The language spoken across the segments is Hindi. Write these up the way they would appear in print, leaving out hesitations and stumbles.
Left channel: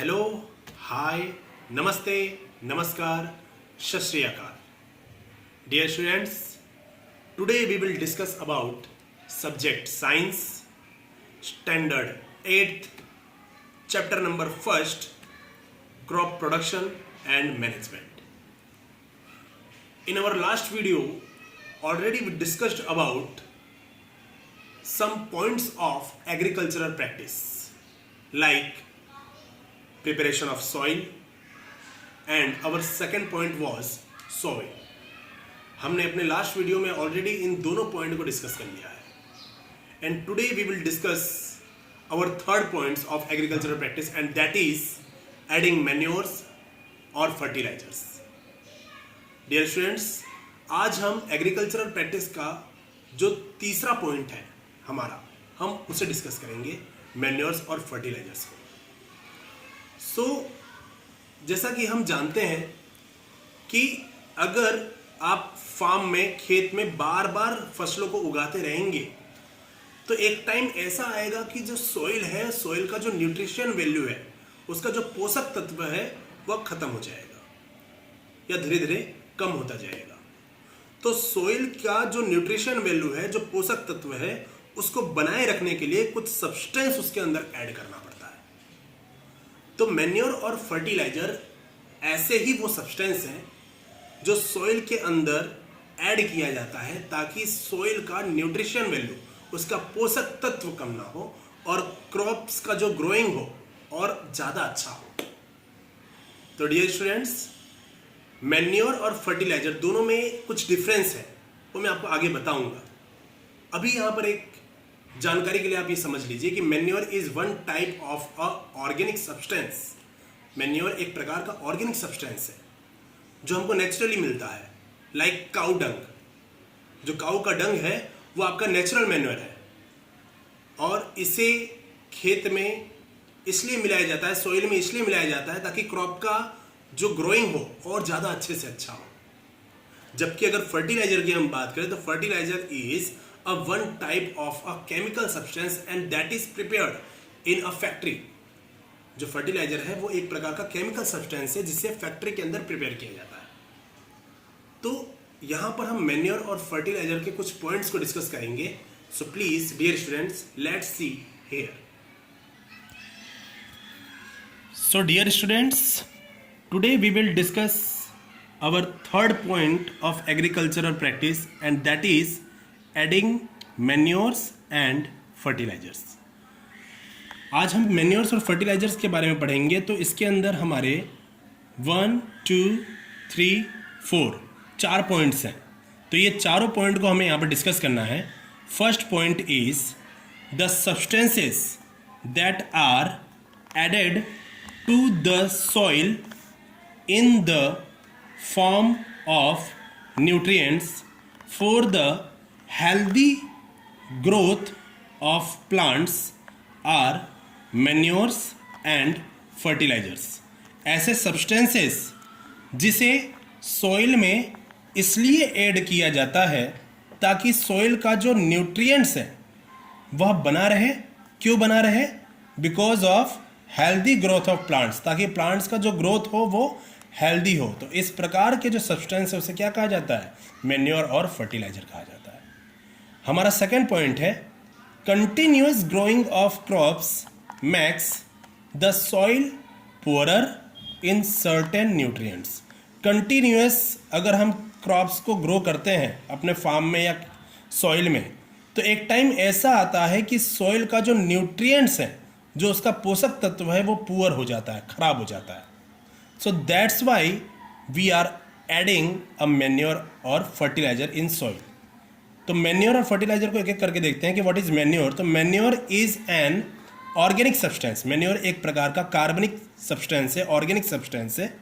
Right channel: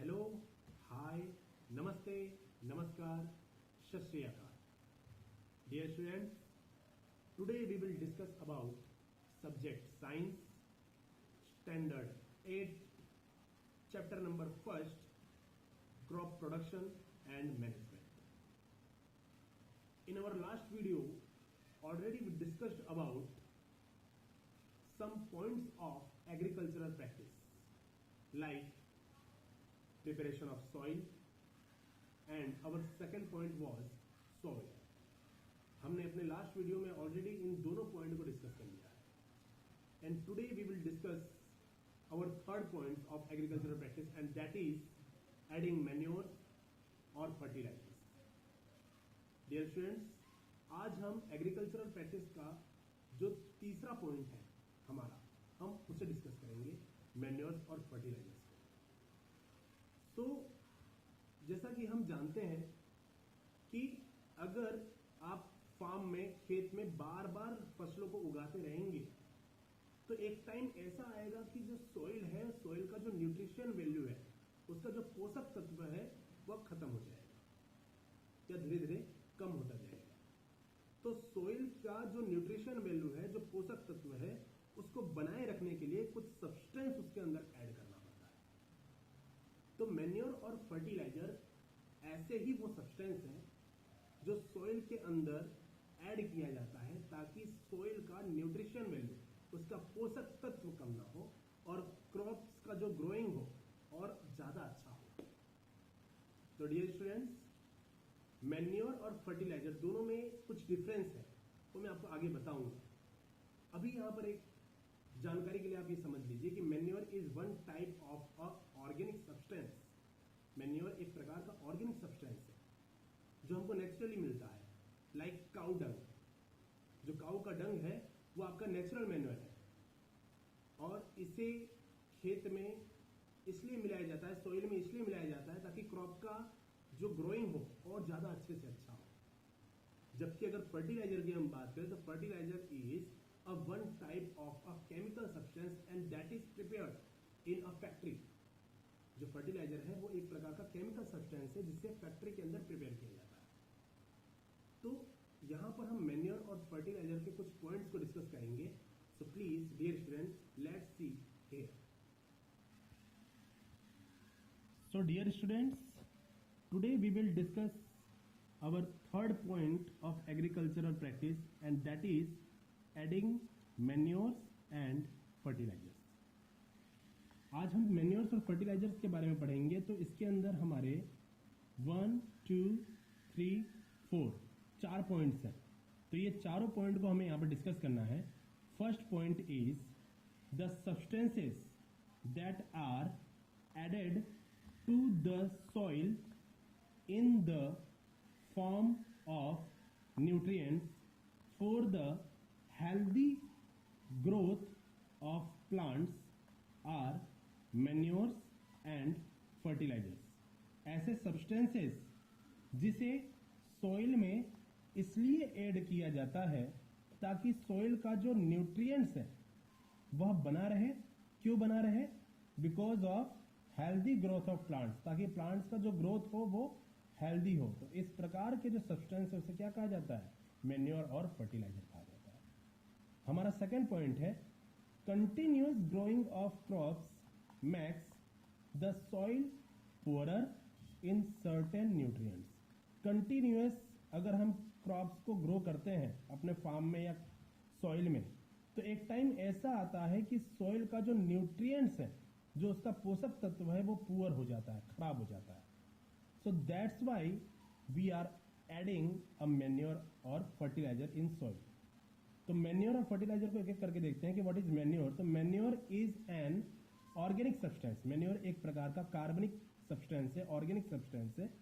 हेलो, हाय, नमस्ते, नमस्कार, सत श्री अकाल. Dear students, today we will discuss about subject science, standard 8th, chapter number 1st, crop production and management. In our last video, already we discussed about some points of agricultural practice like preparation of soil and our second point was soil. हमने अपने लास्ट वीडियो में ऑलरेडी इन दोनों पॉइंट को डिस्कस कर लिया है and today we will discuss our third points of agricultural practice and that is adding manures और फर्टिलाइजर्स. डियर स्टूडेंट्स, आज हम एग्रीकल्चरल प्रैक्टिस का जो तीसरा पॉइंट है हमारा, हम उसे डिस्कस करेंगे, मैन्योर्स और फर्टिलाइजर्स को. सो जैसा कि हम जानते हैं कि अगर आप फार्म में, खेत में बार बार फसलों को उगाते रहेंगे तो एक टाइम ऐसा आएगा कि जो सॉइल है, सॉइल का जो न्यूट्रिशन वैल्यू है, उसका जो पोषक तत्व है वह खत्म हो जाएगा या धीरे धीरे कम होता जाएगा. तो सॉइल का जो न्यूट्रिशन वैल्यू है, जो पोषक तत्व है, उसको बनाए रखने के लिए कुछ सब्सटेंस उसके अंदर ऐड करना पड़ता है. तो मैन्योर और फर्टिलाइजर ऐसे ही वो सब्सटेंस हैं जो सॉइल के अंदर ऐड किया जाता है ताकि सॉइल का न्यूट्रिशन वैल्यू, उसका पोषक तत्व कम ना हो और क्रॉप्स का जो ग्रोइंग हो और ज़्यादा अच्छा हो. तो डियर स्टूडेंट्स, मैन्योर और फर्टिलाइजर दोनों में कुछ डिफरेंस है, वो मैं आपको आगे बताऊंगा. अभी यहाँ पर एक जानकारी के लिए आप ये समझ लीजिए कि manure is one type of a organic substance. Manure एक प्रकार का ऑर्गेनिक सब्सटेंस है जो हमको नेचुरली मिलता है, लाइक काउ डंग. जो काउ का डंग है वो आपका नेचुरल मैन्योर है और इसे खेत में इसलिए मिलाया जाता है, सॉइल में इसलिए मिलाया जाता है ताकि क्रॉप का जो ग्रोइंग हो और ज़्यादा अच्छे से अच्छा हो. जबकि अगर फर्टिलाइजर की हम बात करें तो fertiliser is a one type of a chemical substance and that is prepared in a factory. जो फर्टिलाइजर है वो एक प्रकार का केमिकल सब्सटेंस है जिसे फैक्ट्री के अंदर प्रिपेयर किया जाता है. तो यहाँ पर हम मैन्योर और फर्टिलाइजर के कुछ पॉइंट्स को डिस्कस करेंगे. So please dear students, let's see here. So dear students, today we will discuss our third point of agricultural practice and that is adding manures and fertilizers. आज हम मैन्योर्स और फर्टिलाइजर्स के बारे में पढ़ेंगे. तो इसके अंदर हमारे 1, 2, 3, 4 चार पॉइंट्स हैं. तो ये चारों पॉइंट को हमें यहाँ पर डिस्कस करना है. First point is the substances that are added to the soil in the form of nutrients for the healthy growth of plants are manures and fertilizers. ऐसे substances जिसे soil में इसलिए ऐड किया जाता है ताकि soil का जो nutrients है वह बना रहे. क्यों बना रहे? Because of healthy growth of plants, ताकि plants का जो growth हो वो हेल्दी हो. तो इस प्रकार के जो सब्सटेंस है उसे क्या कहा जाता है? मैन्योर और फर्टिलाइजर कहा जाता है. हमारा सेकंड पॉइंट है continuous growing of crops makes the soil poorer in certain nutrients. Continuous अगर हम क्रॉप्स को ग्रो करते हैं अपने फार्म में या सॉइल में, तो एक टाइम ऐसा आता है कि सॉइल का जो न्यूट्रिएंट्स है, जो उसका पोषक तत्व है, वो पुअर हो जाता है, खराब हो जाता है. So that's why we are adding a manure or fertilizer in soil. तो मैन्योर और फर्टिलाइजर को एक एक करके देखते हैं कि व्हाट इज मैन्योर. तो manure is an organic substance. Manure एक प्रकार का कार्बनिक सब्सटेंस है, ऑर्गेनिक सब्सटेंस है,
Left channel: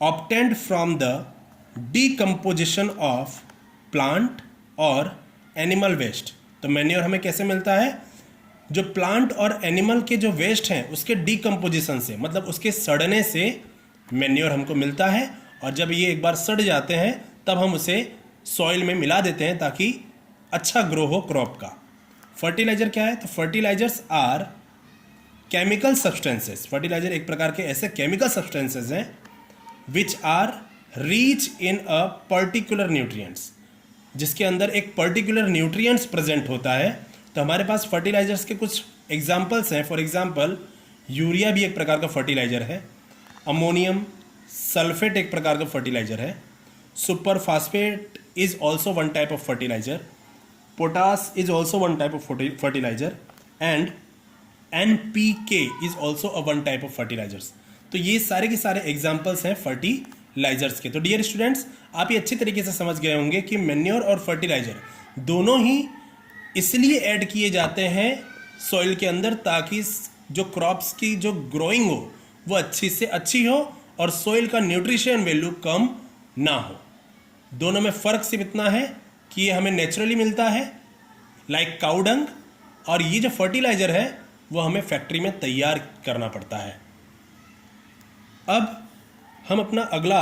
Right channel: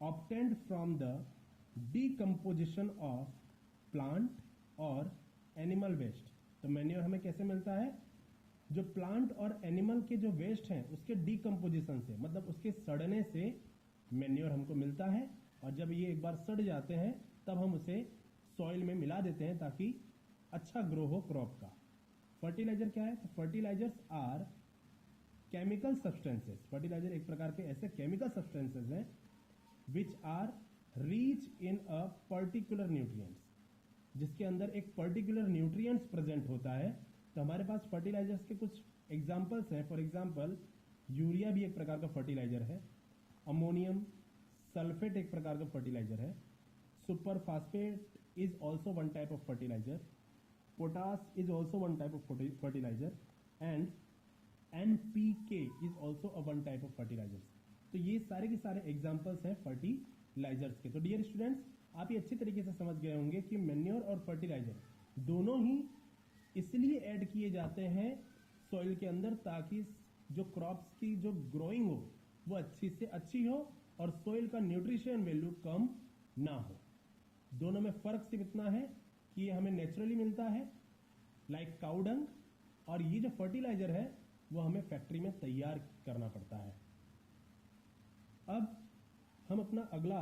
obtained from the decomposition of plant और एनिमल वेस्ट. तो मैन्योर हमें कैसे मिलता है? जो प्लांट और एनिमल के जो वेस्ट हैं उसके डीकम्पोजिशन से, मतलब उसके सड़ने से मैन्योर हमको मिलता है. और जब ये एक बार सड़ जाते हैं तब हम उसे सॉइल में मिला देते हैं ताकि अच्छा ग्रो हो क्रॉप का. फर्टिलाइजर क्या है? तो fertilisers are chemical substances, fertiliser एक प्रकार के ऐसे केमिकल सब्सटेंसेस हैं which are rich in a particular nutrients, जिसके अंदर एक पर्टिकुलर न्यूट्रिएंट्स प्रेजेंट होता है। तो हमारे पास फर्टिलाइजर्स के कुछ एग्जाम्पल्स हैं। फॉर एग्जाम्पल यूरिया भी एक प्रकार का फर्टिलाइजर है, अमोनियम सल्फेट एक प्रकार का फर्टिलाइजर है, super phosphate is also one type of fertiliser, potash is also one type of fertiliser and NPK is also a one type of fertilisers. तो ये सारे के सारे एग्जाम्पल्स हैं फर्टिलाइजर्स के। तो डियर स्टूडेंट्स, आप ये अच्छी तरीके से समझ गए होंगे कि मैन्योर और फर्टिलाइजर दोनों ही इसलिए ऐड किए जाते हैं सॉइल के अंदर ताकि जो क्रॉप्स की जो ग्रोइंग हो वो अच्छी से अच्छी हो और सॉइल का न्यूट्रिशन वैल्यू कम ना हो। दोनों में फ़र्क सिर्फ इतना है कि ये हमें नेचुरली मिलता है लाइक काऊ डंग, और ये जो फर्टिलाइजर है वो हमें फैक्ट्री में तैयार करना पड़ता है। अब हम अपना अगला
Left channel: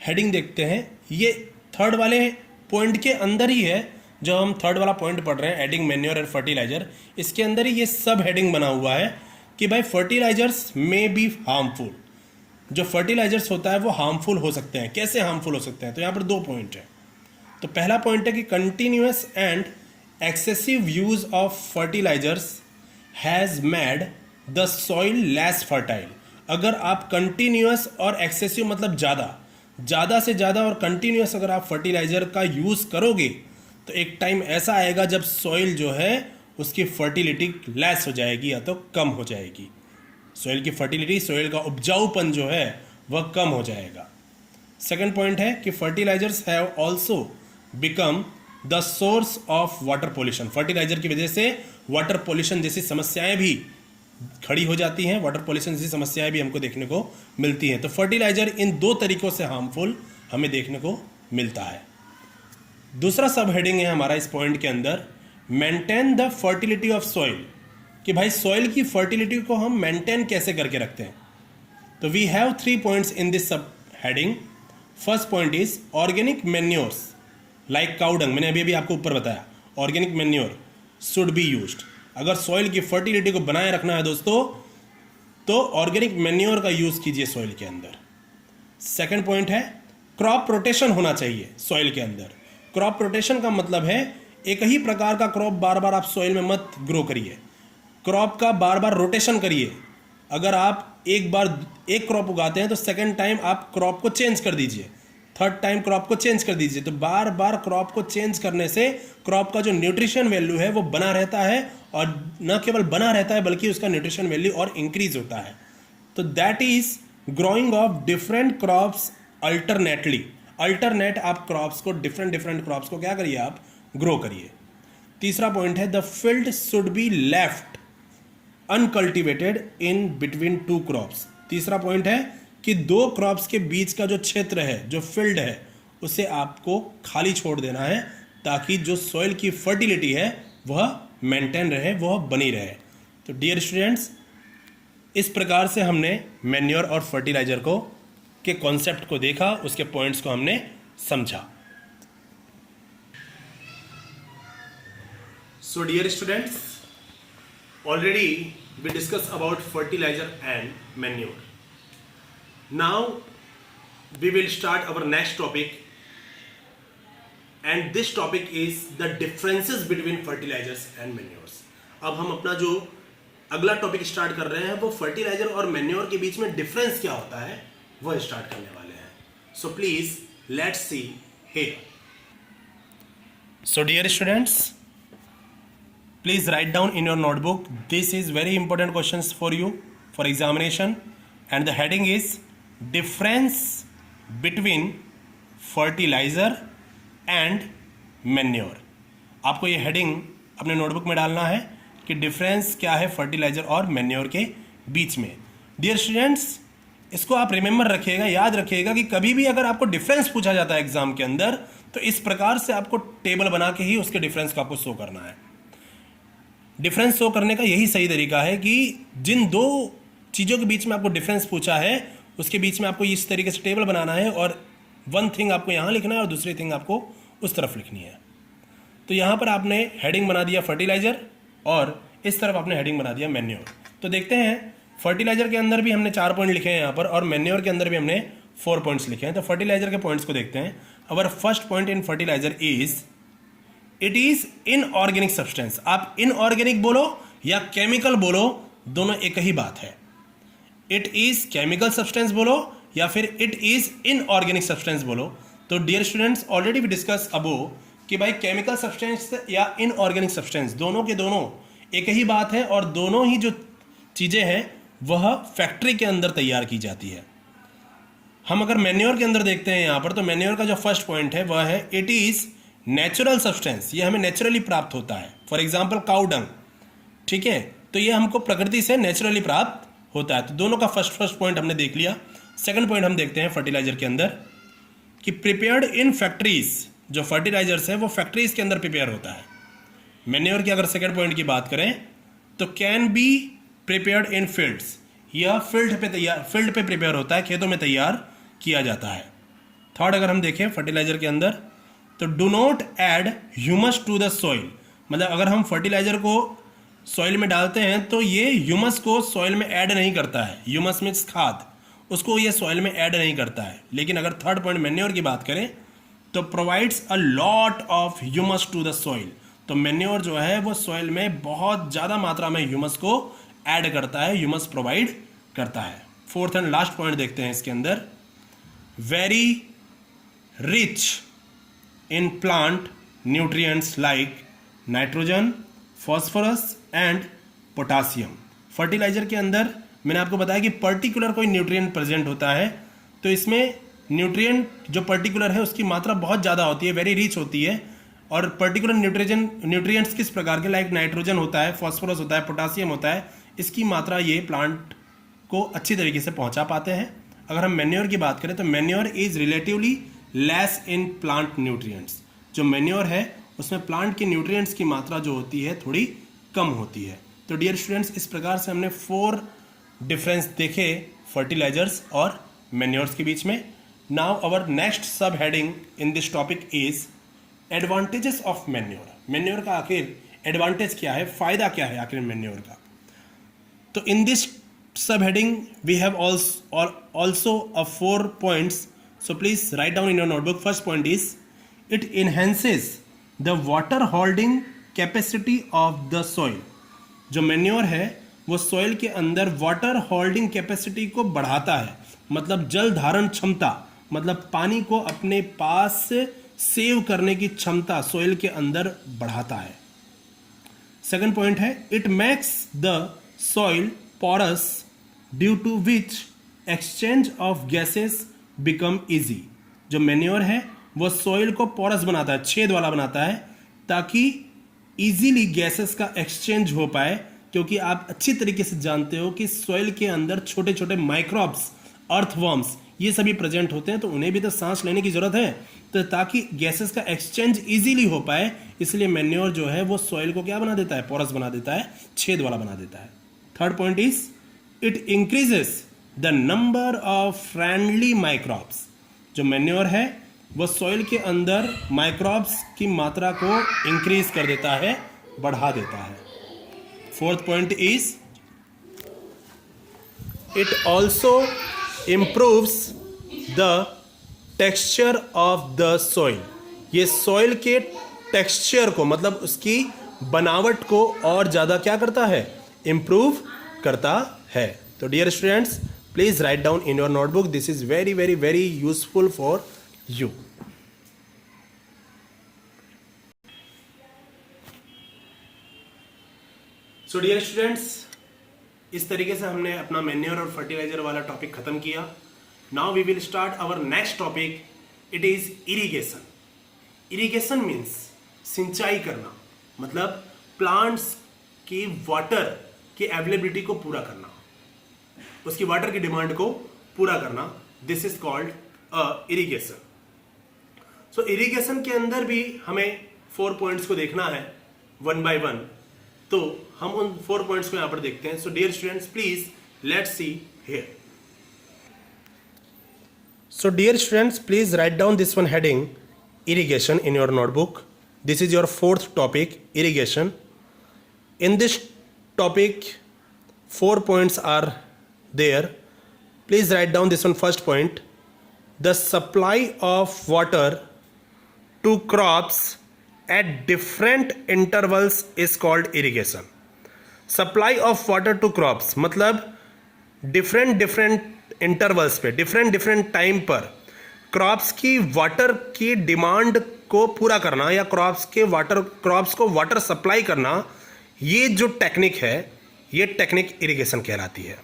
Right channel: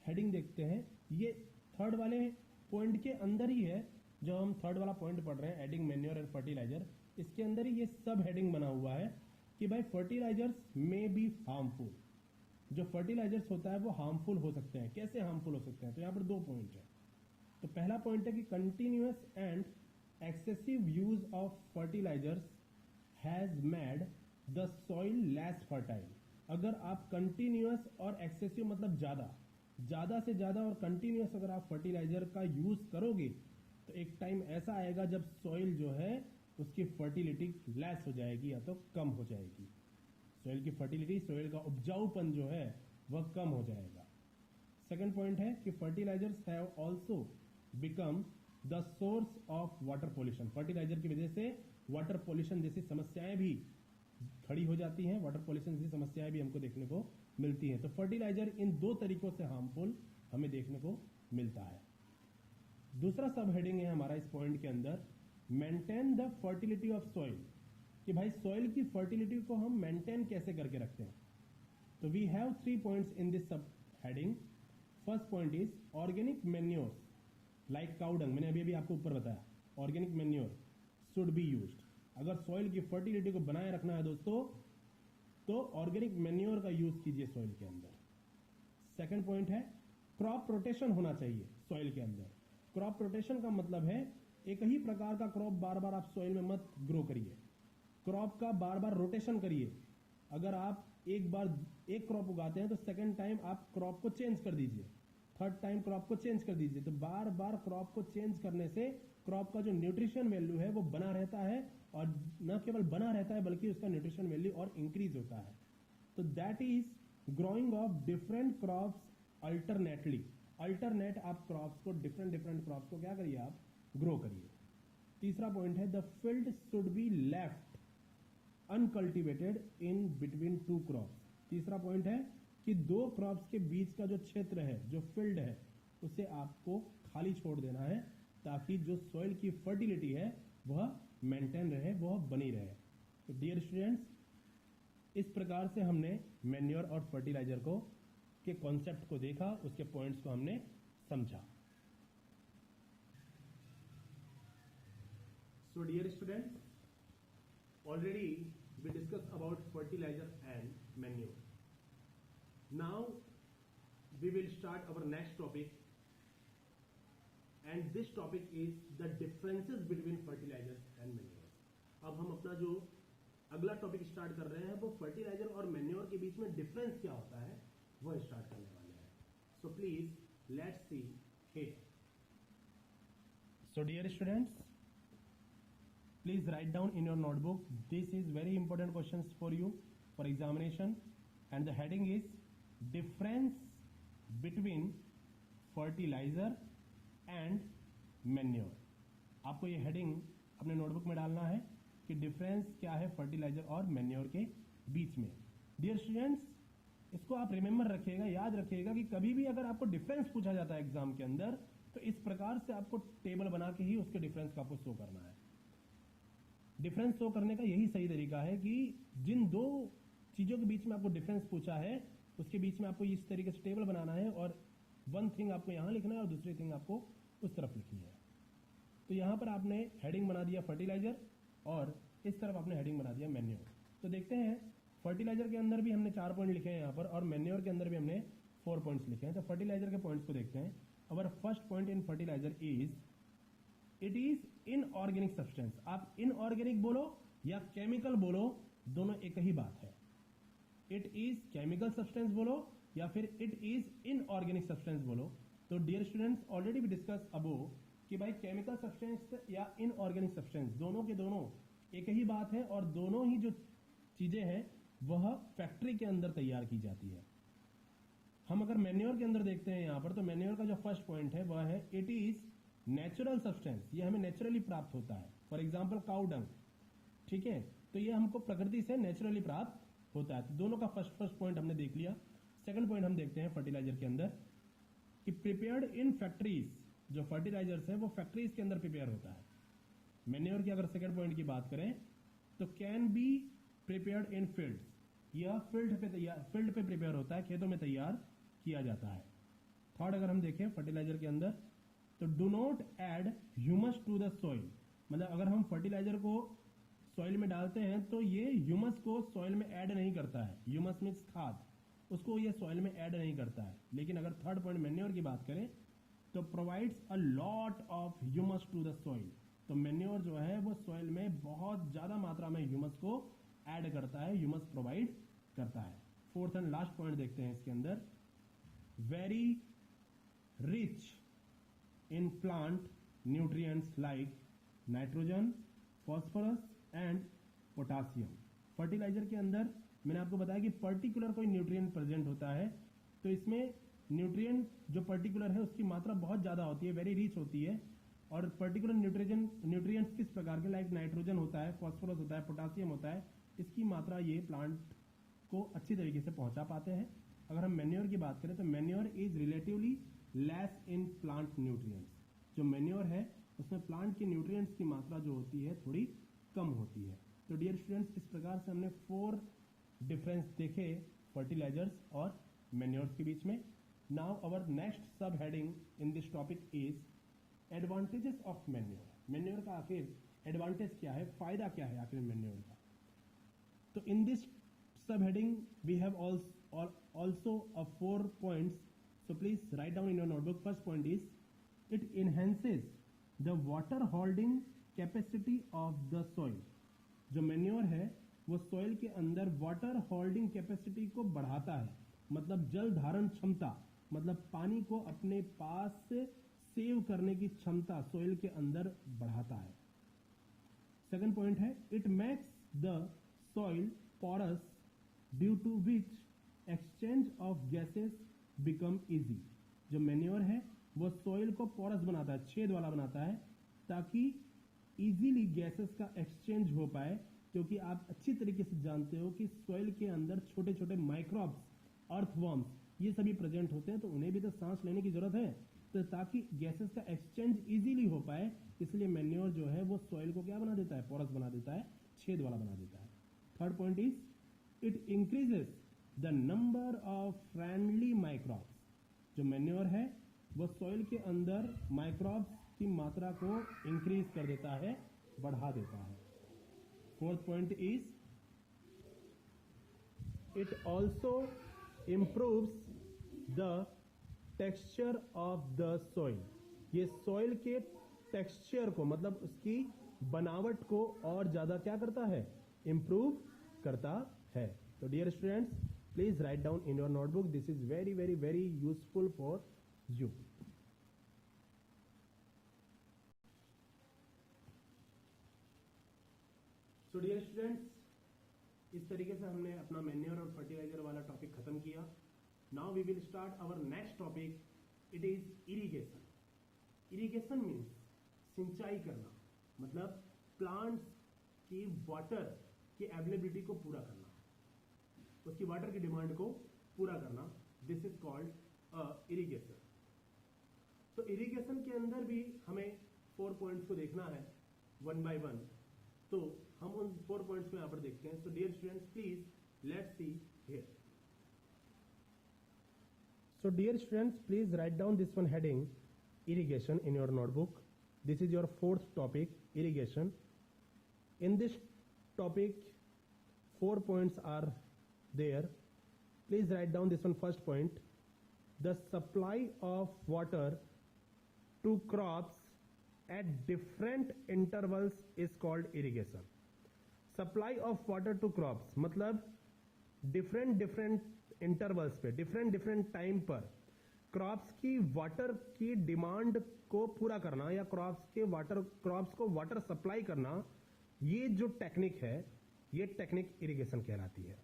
हेडिंग देखते हैं। ये थर्ड वाले पॉइंट के अंदर ही है, जो हम थर्ड वाला पॉइंट पढ़ रहे हैं एडिंग मैन्योर एंड फर्टिलाइजर, इसके अंदर ही ये सब हेडिंग बना हुआ है कि भाई फर्टिलाइजर्स मे बी हार्मफुल। जो फर्टिलाइजर्स होता है वो हार्मफुल हो सकते हैं। कैसे हार्मफुल हो सकते हैं? तो यहाँ पर दो पॉइंट है। तो पहला पॉइंट है कि continuous and excessive use of fertilisers has made the soil less fertile. अगर आप कंटिन्यूअस और एक्सेसिव मतलब ज़्यादा से ज़्यादा और कंटिन्यूअस अगर आप फर्टिलाइजर का यूज़ करोगे तो एक टाइम ऐसा आएगा जब सॉइल जो है उसकी फर्टिलिटी लेस हो जाएगी या तो कम हो जाएगी। सॉइल की फर्टिलिटी, सॉइल का उपजाऊपन जो है वह कम हो जाएगा। सेकंड पॉइंट है कि fertilisers have also become the source of water pollution. Fertiliser की वजह से वाटर पॉल्यूशन जैसी समस्याएं भी खड़ी हो जाती हैं, वाटर पॉल्यूशन जैसी समस्याएं भी हमको देखने को मिलती हैं। तो फर्टिलाइजर इन दो तरीकों से हार्मफुल हमें देखने को मिलता है। दूसरा सब हेडिंग है हमारा इस पॉइंट के अंदर, maintain the fertility of soil, कि भाई सॉइल की फर्टिलिटी को हम मेंटेन कैसे करके रखते हैं। तो we have 3 points in this sub heading. First point is organic manures like cow dung, मैंने अभी आपको ऊपर बताया, organic manure should be used. अगर सॉइल की फर्टिलिटी को बनाए रखना है दोस्तों तो ऑर्गेनिक मैन्योर का यूज कीजिए सॉइल के अंदर। सेकंड पॉइंट है क्रॉप रोटेशन होना चाहिए सॉइल के अंदर। क्रॉप रोटेशन का मतलब है एक ही प्रकार का क्रॉप बार बार आप सॉइल में मत ग्रो करिए, क्रॉप का बार बार रोटेशन करिए। अगर आप एक बार एक क्रॉप उगाते हैं तो सेकंड टाइम आप क्रॉप को चेंज कर दीजिए, थर्ड टाइम क्रॉप को चेंज कर दीजिए। तो बार बार क्रॉप को चेंज करने से क्रॉप का जो न्यूट्रिशन वैल्यू है वो बना रहता है, और न केवल बना रहता है बल्कि उसका न्यूट्रिशन वैल्यू और इंक्रीज होता है। तो that is growing of different crops alternately. Alternate आप क्रॉप्स को डिफरेंट क्रॉप्स को क्या करिए, आप ग्रो करिए। तीसरा पॉइंट है the field should be left uncultivated in between 2 crops. तीसरा पॉइंट है कि 2 क्रॉप्स के बीच का जो क्षेत्र है, जो फील्ड है, उसे आपको खाली छोड़ देना है ताकि जो सॉइल की फर्टिलिटी है वह मेंटेन रहे, वह बनी रहे। तो डियर स्टूडेंट्स, इस प्रकार से हमने मैन्योर और फर्टिलाइजर को के कॉन्सेप्ट को देखा, उसके पॉइंट्स को हमने समझा। So dear students, already we discuss about fertiliser and manure. Now we will start our next topic, and this topic is the differences between fertilizers and manures. अब हम अपना जो अगला टॉपिक स्टार्ट कर रहे हैं वो फर्टिलाइजर और मैन्योर के बीच में डिफरेंस क्या होता है वो स्टार्ट करने वाले हैं. So please let's see here. So dear students, please write down in your notebook. This is very important questions for you for examination, and the heading is difference between fertilizer and manure. आपको ये हेडिंग अपने नोटबुक में डालना है कि डिफरेंस क्या है फर्टिलाइजर और मैन्योर के बीच में. डियर स्टूडेंट्स, इसको आप रिमेंबर रखिएगा, याद रखिएगा कि कभी भी अगर आपको डिफरेंस पूछा जाता है एग्जाम के अंदर तो इस प्रकार से आपको टेबल बना के ही उसके डिफरेंस को आपको शो करना है. डिफरेंस शो करने का यही सही तरीका है कि जिन दो चीज़ों के बीच में आपको डिफरेंस पूछा है उसके बीच में आपको इस तरीके से टेबल बनाना है और वन थिंग आपको यहाँ लिखना है और दूसरी थिंग आपको उस तरफ लिखनी है. तो यहाँ पर आपने हेडिंग बना दिया फर्टिलाइजर और इस तरफ आपने हेडिंग बना दिया मैन्योर. तो देखते हैं फर्टिलाइजर के अंदर भी हमने 4 पॉइंट लिखे हैं यहाँ पर, और मैन्योर के अंदर भी हमने 4 पॉइंट्स लिखे हैं। तो फर्टिलाइजर के पॉइंट्स को देखते हैं। Our first point in fertiliser is it is inorganic substance. आप इनऑर्गेनिक बोलो या केमिकल बोलो, दोनों एक ही बात है। इट इज केमिकल सब्सटेंस बोलो या फिर इट इज इनऑर्गेनिक सब्सटेंस बोलो। तो dear students, already we discuss above कि भाई केमिकल सब्सटेंस या इनऑर्गेनिक सब्सटेंस दोनों के दोनों एक ही बात है, और दोनों ही जो चीज़ें हैं वह फैक्ट्री के अंदर तैयार की जाती है। हम अगर मैन्योर के अंदर देखते हैं यहाँ पर, तो मैन्योर का जो फर्स्ट पॉइंट है वह है इट इज़ नेचुरल सब्सटेंस। ये हमें नेचुरली प्राप्त होता है। फॉर एग्जाम्पल काउ डंग, ठीक है, तो ये हमको प्रकृति से नेचुरली प्राप्त होता है। तो दोनों का फर्स्ट पॉइंट हमने देख लिया। सेकंड पॉइंट हम देखते हैं फर्टिलाइजर के अंदर कि प्रिपेयर्ड इन फैक्ट्रीज, जो फर्टिलाइजर्स है वो फैक्ट्रीज के अंदर प्रिपेयर होता है। मैन्योर की अगर सेकंड पॉइंट की बात करें तो can be prepared in fields, यह फील्ड पे प्रिपेयर होता है, खेतों में तैयार किया जाता है। थर्ड अगर हम देखें फर्टिलाइजर के अंदर, तो do not add humus to the soil, मतलब अगर हम फर्टिलाइजर को सॉइल में डालते हैं तो ये ह्यूमस को सॉइल में ऐड नहीं करता है। ह्यूमस मीन्स खाद, उसको ये सॉइल में ऐड नहीं करता है। लेकिन अगर थर्ड पॉइंट मैन्योर की बात करें तो provides a lot of humus to the soil, तो मैन्योर जो है वो सॉइल में बहुत ज़्यादा मात्रा में ह्यूमस को ऐड करता है, ह्यूमस प्रोवाइड करता है। फोर्थ एंड लास्ट पॉइंट देखते हैं इसके अंदर, very rich in plant nutrients like nitrogen, phosphorus and potassium. Fertiliser के अंदर मैंने आपको बताया कि पर्टिकुलर कोई न्यूट्रिएंट प्रेजेंट होता है, तो इसमें न्यूट्रिएंट जो पर्टिकुलर है उसकी मात्रा बहुत ज़्यादा होती है, वेरी रिच होती है। और पर्टिकुलर न्यूट्रिएंट्स किस प्रकार के, लाइक नाइट्रोजन होता है, फॉस्फोरस होता है, पोटासियम होता है, इसकी मात्रा ये प्लांट को अच्छी तरीके से पहुंचा पाते हैं। अगर हम मैन्योर की बात करें तो manure is relatively less in plant nutrients, जो मैन्योर है उसमें प्लांट के न्यूट्रिएंट्स की मात्रा जो होती है थोड़ी कम होती है। तो डियर स्टूडेंट्स, इस प्रकार से हमने 4 डिफरेंस देखे फर्टिलाइजर्स और मैन्योर्स के बीच में। नाउ अवर नेक्स्ट सब heading in this topic is advantages of manure. Manure का आखिर एडवांटेज क्या है, फायदा क्या है आखिर मैन्योर का। तो in this sub heading we have also 4 points, so please write down in your notebook. First point is it enhances the water holding capacity of the soil। जो मैन्योर है वो सॉइल के अंदर वाटर होल्डिंग कैपेसिटी को बढ़ाता है, मतलब जल धारण क्षमता, मतलब पानी को अपने पास सेव करने की क्षमता सॉइल के अंदर बढ़ाता है। सेकंड पॉइंट है it makes the soil porous due to which exchange of gases become easy. जो मैन्योर है वो सॉइल को पोरस बनाता है, छेद वाला बनाता है, ताकि इजीली गैसेस का एक्सचेंज हो पाए। क्योंकि आप अच्छी तरीके से जानते हो कि सॉइल के अंदर छोटे छोटे माइक्रोब्स, अर्थवर्म्स, ये सभी प्रेजेंट होते हैं, तो उन्हें भी तो सांस लेने की जरूरत है। तो ताकि गैसेस का एक्सचेंज इजीली हो पाए, इसलिए मैन्योर जो है वो सॉइल को क्या बना देता है, पोरस बना देता है, छेद वाला बना देता है। Third point is it increases the number of friendly microbes. जो मैन्योर है वो सॉइल के अंदर माइक्रोब्स की मात्रा को इंक्रीज कर देता है, बढ़ा देता है। Fourth point is it also improves the texture of the soil। ये सॉइल के टेक्सचर को, मतलब उसकी बनावट को और ज़्यादा क्या करता है, इम्प्रूव करता है। तो dear students, please write down in your notebook, this is very very very useful for you. So dear students, इस तरीके से हमने अपना मैन्योर और फर्टिलाइजर वाला टॉपिक खत्म किया। Now we will start our next topic, it is irrigation. Irrigation means सिंचाई करना, मतलब प्लांट्स की वाटर की अवेलेबिलिटी को पूरा करना, उसकी वाटर की डिमांड को पूरा करना। This is called irrigation. So irrigation के अंदर भी हमें 4 पॉइंट्स को देखना है 1 by 1। तो हम उन 4 पॉइंट्स को यहां पर देखते हैं। So dear students, please let's see here. So dear students, please write down this one heading, irrigation, in your notebook. This is your 4th topic, irrigation. In this topic, 4 points are there. Please write down this one. First point, the supply of water to crops at different intervals is called irrigation. Supply of water to crops मतलब डिफरेंट इंटरवल्स पे, डिफरेंट टाइम पर क्रॉप्स की वाटर की डिमांड को पूरा करना या क्रॉप्स को वाटर सप्लाई करना, ये जो टेक्निक है, ये टेक्निक इरिगेशन कहलाती है.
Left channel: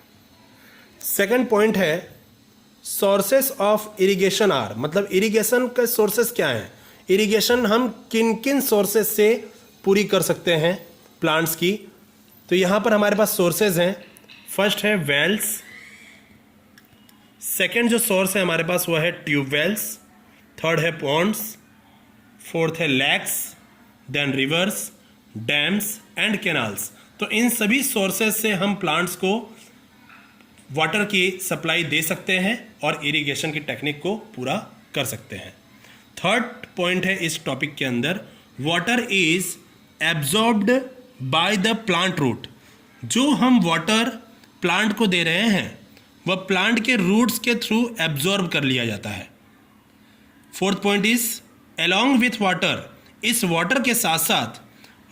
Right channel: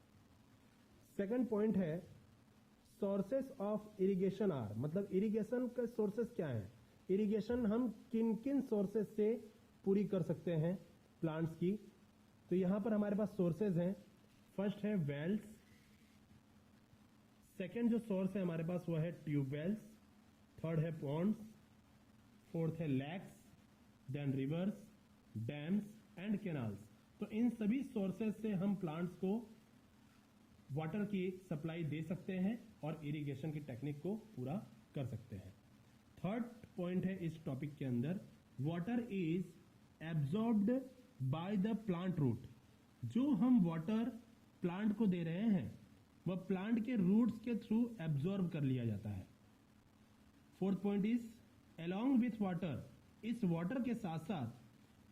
सेकंड पॉइंट है सोर्सेस ऑफ इरिगेशन आर, मतलब इरिगेशन के सोर्सेस क्या हैं. इरिगेशन हम किन किन सोर्सेस से पूरी कर सकते हैं प्लांट्स की. तो यहां पर हमारे पास सोर्सेज हैं. फर्स्ट है वेल्स, सेकेंड जो सोर्स है हमारे पास वह है ट्यूबवेल्स, थर्ड है पॉन्ड्स, फोर्थ है lakes, then rivers, dams and canals. तो इन सभी सोर्सेज से हम प्लांट्स को वाटर की सप्लाई दे सकते हैं और इरिगेशन की टेक्निक को पूरा कर सकते हैं. थर्ड पॉइंट है इस टॉपिक के अंदर, water is absorbed by the plant root. जो हम वाटर प्लांट को दे रहे हैं वह प्लांट के रूट्स के थ्रू एब्जॉर्ब कर लिया जाता है. Fourth point is along with water, इस वाटर के साथ साथ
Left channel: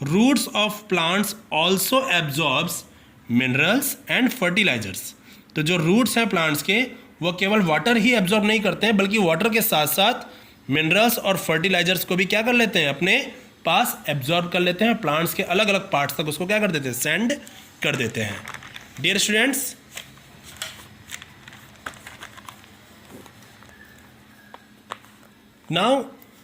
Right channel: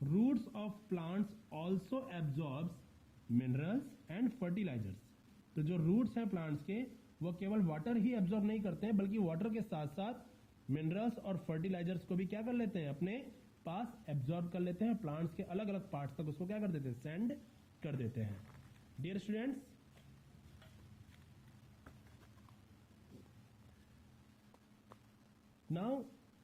roots of plants also absorbs minerals and fertilisers. तो जो रूट्स हैं प्लांट्स के वो केवल वाटर ही एब्जॉर्ब नहीं करते हैं, बल्कि वाटर के साथ साथ मिनरल्स और फर्टिलाइजर्स को भी क्या कर लेते हैं, अपने पास एब्जॉर्ब कर लेते हैं. प्लांट्स के अलग अलग पार्ट्स तक उसको क्या कर देते हैं, सेंड कर देते हैं. Dear students, now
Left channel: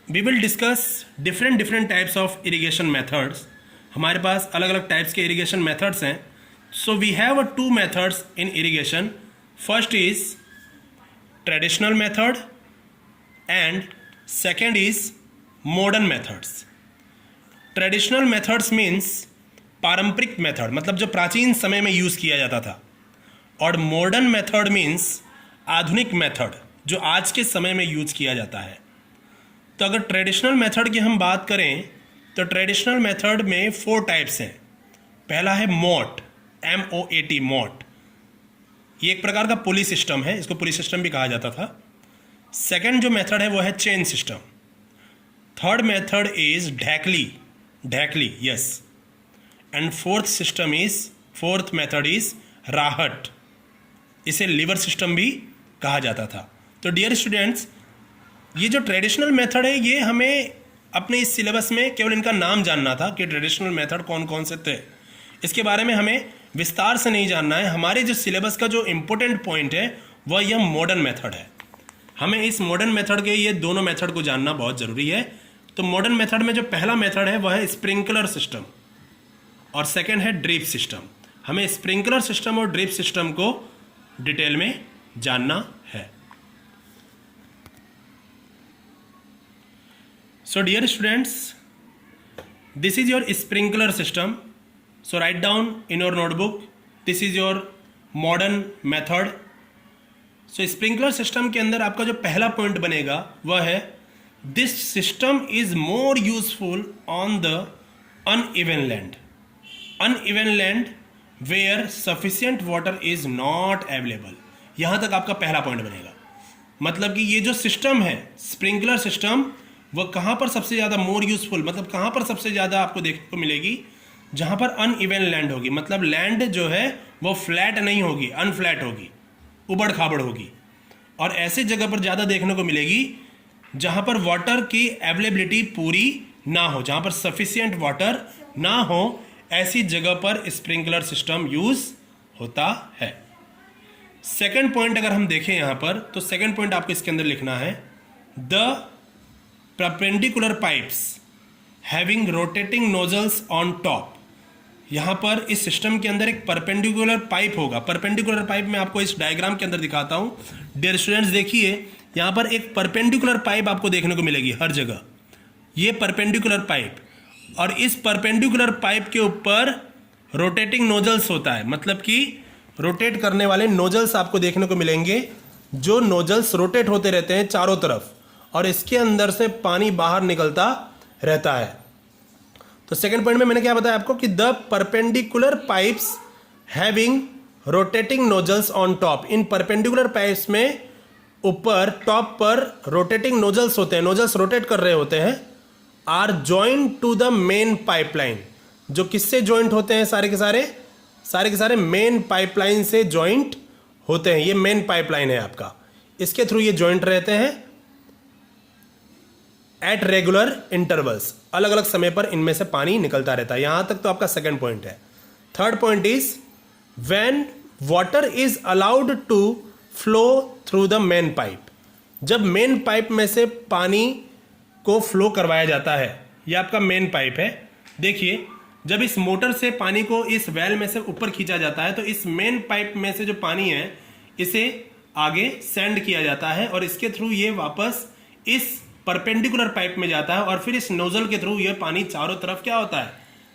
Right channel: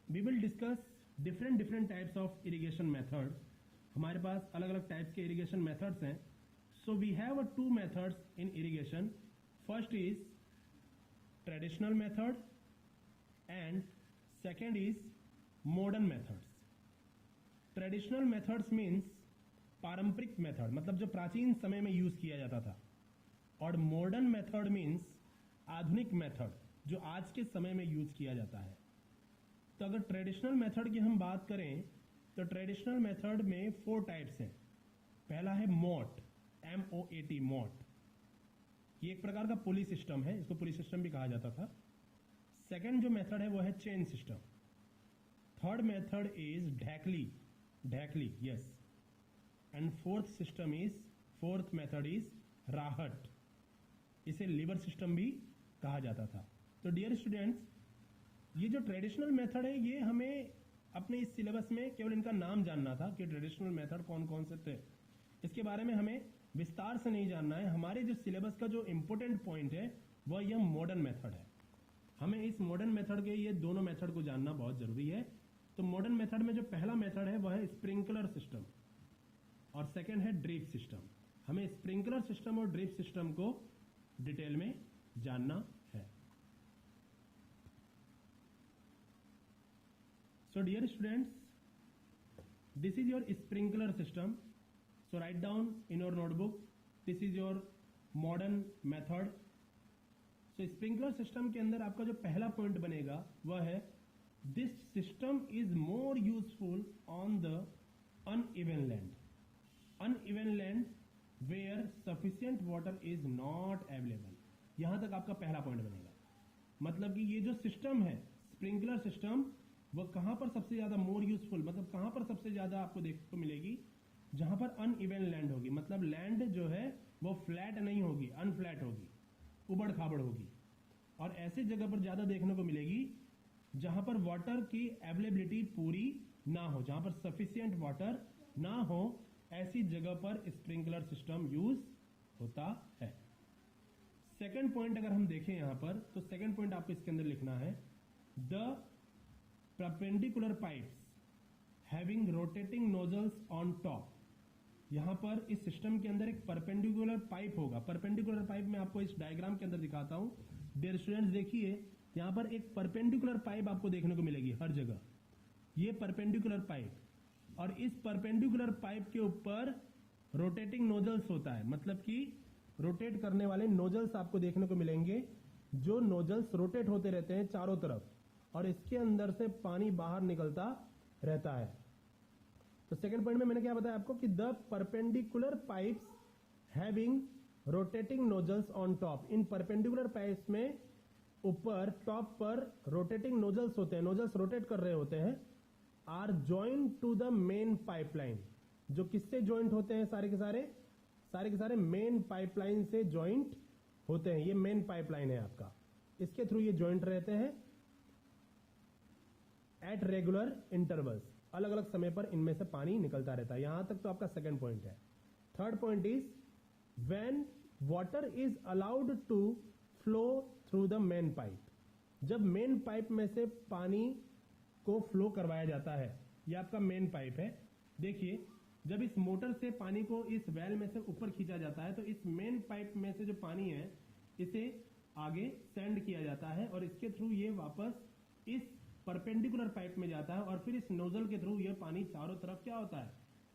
we will discuss different types of irrigation methods. हमारे पास अलग अलग टाइप्स के इरिगेशन मेथड्स हैं. So we have two methods in irrigation. First is traditional method and second is modern methods. Traditional methods means पारंपरिक मेथड, मतलब जो प्राचीन समय में यूज़ किया जाता था. और मॉडर्न मेथड मीन्स आधुनिक मेथड, जो आज के समय में यूज़ किया जाता है. तो अगर ट्रेडिशनल मेथड की हम बात करें तो ट्रेडिशनल मेथड में 4 टाइप्स हैं. पहला है मोट, MOAT, मोट. ये एक प्रकार का पुली सिस्टम है, इसको पुली सिस्टम भी कहा जाता था. सेकेंड जो मेथड है वो है chain system. Third method is dhekli, yes. And fourth method is rahat. इसे लिवर सिस्टम भी कहा जाता था. तो डियर स्टूडेंट्स, ये जो ट्रेडिशनल मेथड है ये हमें अपने इस सिलेबस में केवल इनका नाम जानना था कि ट्रेडिशनल मेथड कौन कौन से थे. इसके बारे में हमें विस्तार से नहीं जानना है. हमारे जो सिलेबस का जो इम्पोर्टेंट पॉइंट है वह यह मॉडर्न मेथड है. हमें इस मॉडर्न मेथड के ये दोनों मेथड को जानना बहुत ज़रूरी है. तो मॉडर्न मेथड में जो पहला मेथड है वह है स्प्रिंकलर सिस्टम और सेकेंड है ड्रिप सिस्टम. हमें स्प्रिंकलर सिस्टम और ड्रिप सिस्टम को डिटेल में जानना है. So dear students, this is your sprinkler system. So write down in your notebook, this is your modern method. So sprinkler system के अंदर आपका जो पहला पॉइंट बनेगा वह है this system is more useful on the uneven land. Uneven land where sufficient water is not available. यहाँ तक आपका पहला पॉइंट बनेगा. मतलब कि ये जो सिस्टम है स्प्रिंकलर सिस्टम, वह कहाँ पर सबसे ज़्यादा मोर यूजफुल, मतलब कहाँ पर सबसे ज़्यादा आपको देखने को मिलेगी, जहाँ पर अनइवन लैंड होगी. मतलब लैंड जो है वो फ्लैट नहीं होगी, अनफ्लैट होगी, उबड़ खाबड़ होगी. और ऐसे जगह पर ज़्यादा देखने को मिलेगी जहाँ पर वाटर की अवेलेबिलिटी पूरी ना हो, जहाँ पर सफिशियंट वाटर ना हो, ऐसी जगह पर स्प्रिंकलर सिस्टम यूज होता है. सेकेंड पॉइंट अगर हम देखें यहाँ पर, तो सेकेंड पॉइंट आपको इसके अंदर लिखना है the perpendicular pipes having rotating nozzles on top. यहाँ पर इस सिस्टम के अंदर एक परपेंडिकुलर पाइप होगा. परपेंडिकुलर पाइप मैं आपको इस डायग्राम के अंदर दिखाता हूँ. डियर स्टूडेंट्स, देखिए यहाँ पर एक परपेंडिकुलर पाइप आपको देखने को मिलेगी हर जगह. ये परपेंडिकुलर पाइप, और इस परपेंडिकुलर पाइप के ऊपर रोटेटिंग नोजल्स होता है. मतलब कि रोटेट करने वाले नोजल्स आपको देखने को मिलेंगे, जो नोजल्स रोटेट होते रहते हैं चारों तरफ, और इसके अंदर से पानी बाहर निकलता रहता है. तो सेकंड पॉइंट में मैंने क्या बताया आपको कि the perpendicular pipes having rotating nozzles on top, in perpendicular pipes में ऊपर टॉप पर रोटेटिंग नोजल्स होते हैं, नोजल्स रोटेट कर रहे होते हैं, are joint to the main pipeline, जो किससे जॉइंट होते हैं, सारे के सारे मेन पाइपलाइन से जॉइंट होते हैं। ये मेन पाइपलाइन है आपका, इसके थ्रू ये जॉइंट रहते हैं एट रेगुलर इंटरवल्स, अलग अलग समय पर इनमें से पानी निकलता रहता है। यहां तक तो आपका सेकंड पॉइंट है। Third point is when water is allowed to flow through the main pipe, जब मेन पाइप में से पानी को फ्लो करवाया जाता है, यह आपका मेन पाइप है। देखिए, जब इस मोटर से पानी को इस वेल में से ऊपर खींचा जाता है तो इस मेन पाइप में से जो पानी है इसे आगे सेंड किया जाता है और इसके थ्रू ये वापस इस परपेंडिकुलर पाइप में जाता है और फिर इस नोजल के थ्रू ये पानी चारों तरफ क्या होता है,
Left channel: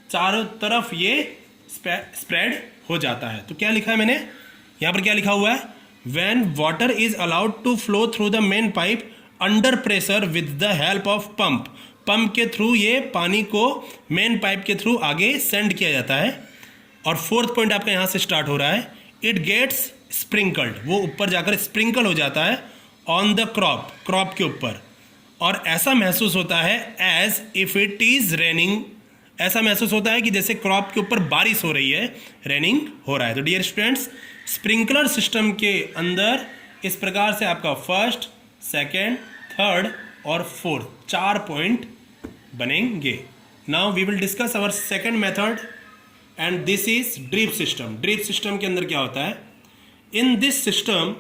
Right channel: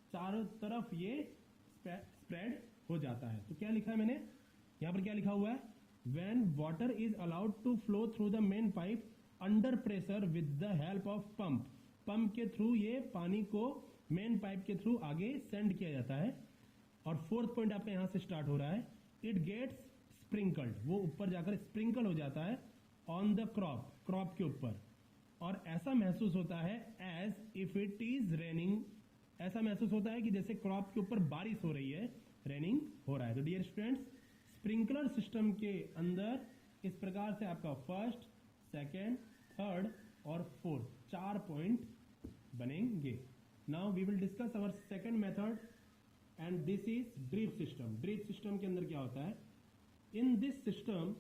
चारों तरफ ये स्प्रेड हो जाता है। तो क्या लिखा है मैंने यहां पर, क्या लिखा हुआ है, when water is allowed to flow through the main pipe under pressure with the help of pump, pump के थ्रू ये पानी को मेन पाइप के थ्रू आगे सेंड किया जाता है। और फोर्थ पॉइंट आपका यहां से स्टार्ट हो रहा है, इट गेट्स स्प्रिंकल्ड, वो ऊपर जाकर स्प्रिंकल हो जाता है ऑन द क्रॉप, क्रॉप के ऊपर, और ऐसा महसूस होता है as if it is raining, ऐसा महसूस होता है कि जैसे क्रॉप के ऊपर बारिश हो रही है, रेनिंग हो रहा है। तो डियर स्टूडेंट्स, स्प्रिंकलर सिस्टम के अंदर इस प्रकार से आपका फर्स्ट, सेकेंड, थर्ड और फोर्थ 4 पॉइंट बनेंगे। Now we will discuss our second method and this is drip system. Drip system के अंदर क्या होता है, in this system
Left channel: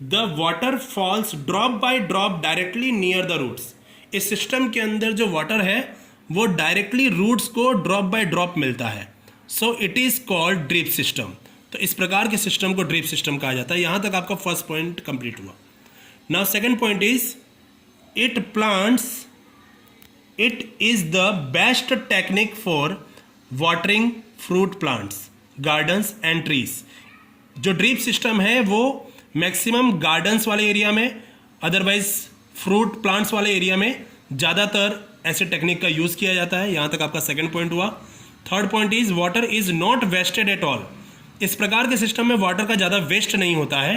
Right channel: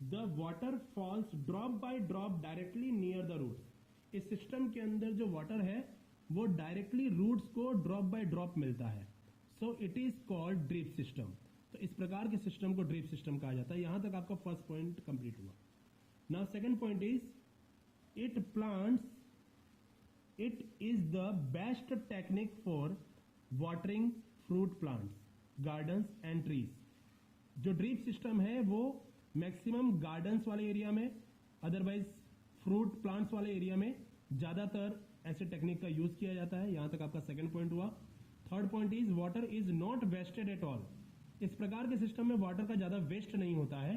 the water falls drop by drop directly near the roots. इस सिस्टम के अंदर जो वाटर है वो डायरेक्टली रूट्स को ड्रॉप बाय ड्रॉप मिलता है, so it is called drip system. तो इस प्रकार के सिस्टम को ड्रिप सिस्टम कहा जाता है। यहां तक आपका फर्स्ट पॉइंट कंप्लीट हुआ। Now second point is it is the best technique for watering fruit plants, gardens and trees. जो ड्रिप सिस्टम है वो मैक्सिमम गार्डन्स वाले एरिया में, अदरवाइज फ्रूट प्लांट्स वाले एरिया में ज़्यादातर ऐसे टेक्निक का यूज़ किया जाता है। यहाँ तक आपका सेकंड पॉइंट हुआ। Third point is water is not wasted at all. इस प्रकार के सिस्टम में वाटर का ज़्यादा वेस्ट नहीं होता है।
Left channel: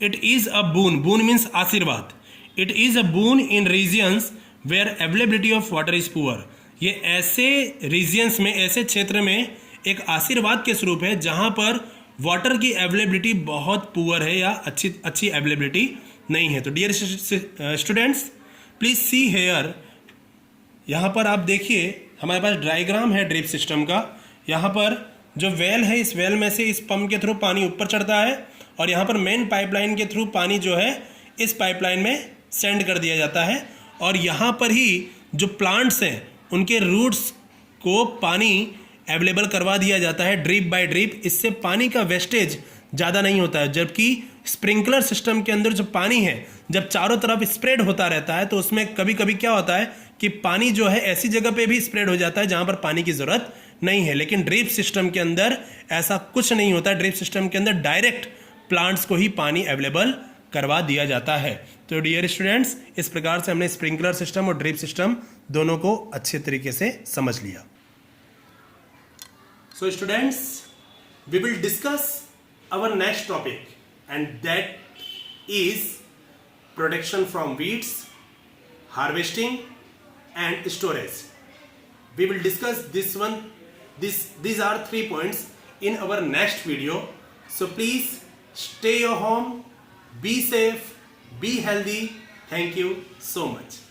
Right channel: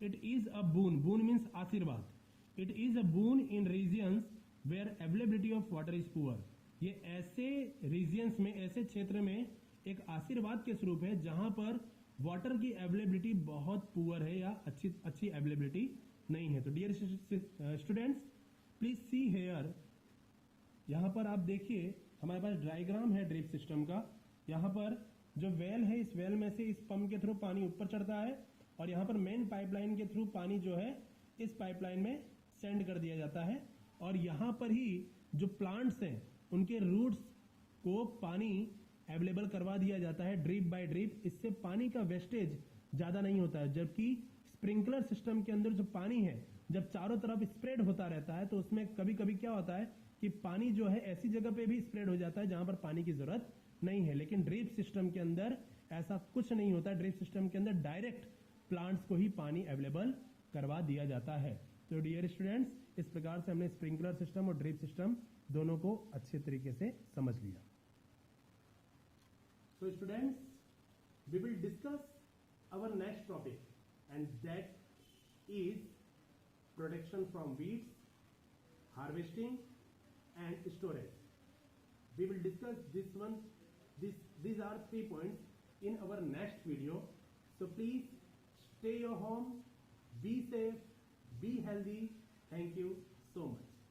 It is a boon, boon means आशीर्वाद। It is a boon in regions where availability of water is poor. ये ऐसे रीजियंस में, ऐसे क्षेत्र में एक आशीर्वाद के स्वरूप है जहाँ पर वाटर की अवेलेबिलिटी बहुत पुअर है या अच्छी अवेलेबिलिटी नहीं है। तो dear students, please see here, यहाँ पर आप देखिए हमारे पास डायग्राम है ड्रिप सिस्टम का। यहाँ पर जो वेल है, इस वेल में से इस पंप के थ्रू पानी ऊपर चढ़ता है और यहाँ पर मेन पाइपलाइन के थ्रू पानी जो है इस पाइपलाइन में सेंड कर दिया जाता है। और यहाँ पर ही जो प्लांट्स हैं उनके रूट्स को पानी अवेलेबल करवा दिया जाता है ड्रिप बाय ड्रिप। इससे पानी का वेस्टेज ज़्यादा नहीं होता है। जबकि स्प्रिंकलर सिस्टम के अंदर जो पानी है जब चारों तरफ स्प्रेड होता रहता है तो उसमें कभी कभी क्या होता है कि पानी जो है ऐसी जगह पे भी स्प्रेड हो जाता है जहाँ पर पानी की ज़रूरत नहीं है। लेकिन ड्रिप सिस्टम के अंदर ऐसा कुछ नहीं होता। ड्रिप सिस्टम के अंदर डायरेक्ट प्लांट्स को ही पानी अवेलेबल करवा दिया जाता है। तो डियर स्टूडेंट्स, इस प्रकार से हमने स्प्रिंकलर सिस्टम और ड्रिप सिस्टम दोनों को अच्छे तरीके से समझ लिया। So students, we will discuss our next topic and that is protection from weeds, harvesting and storage. We will discuss this one. These are 3 points in our next video. So please stay your home, be safe, be healthy. Thank you so much.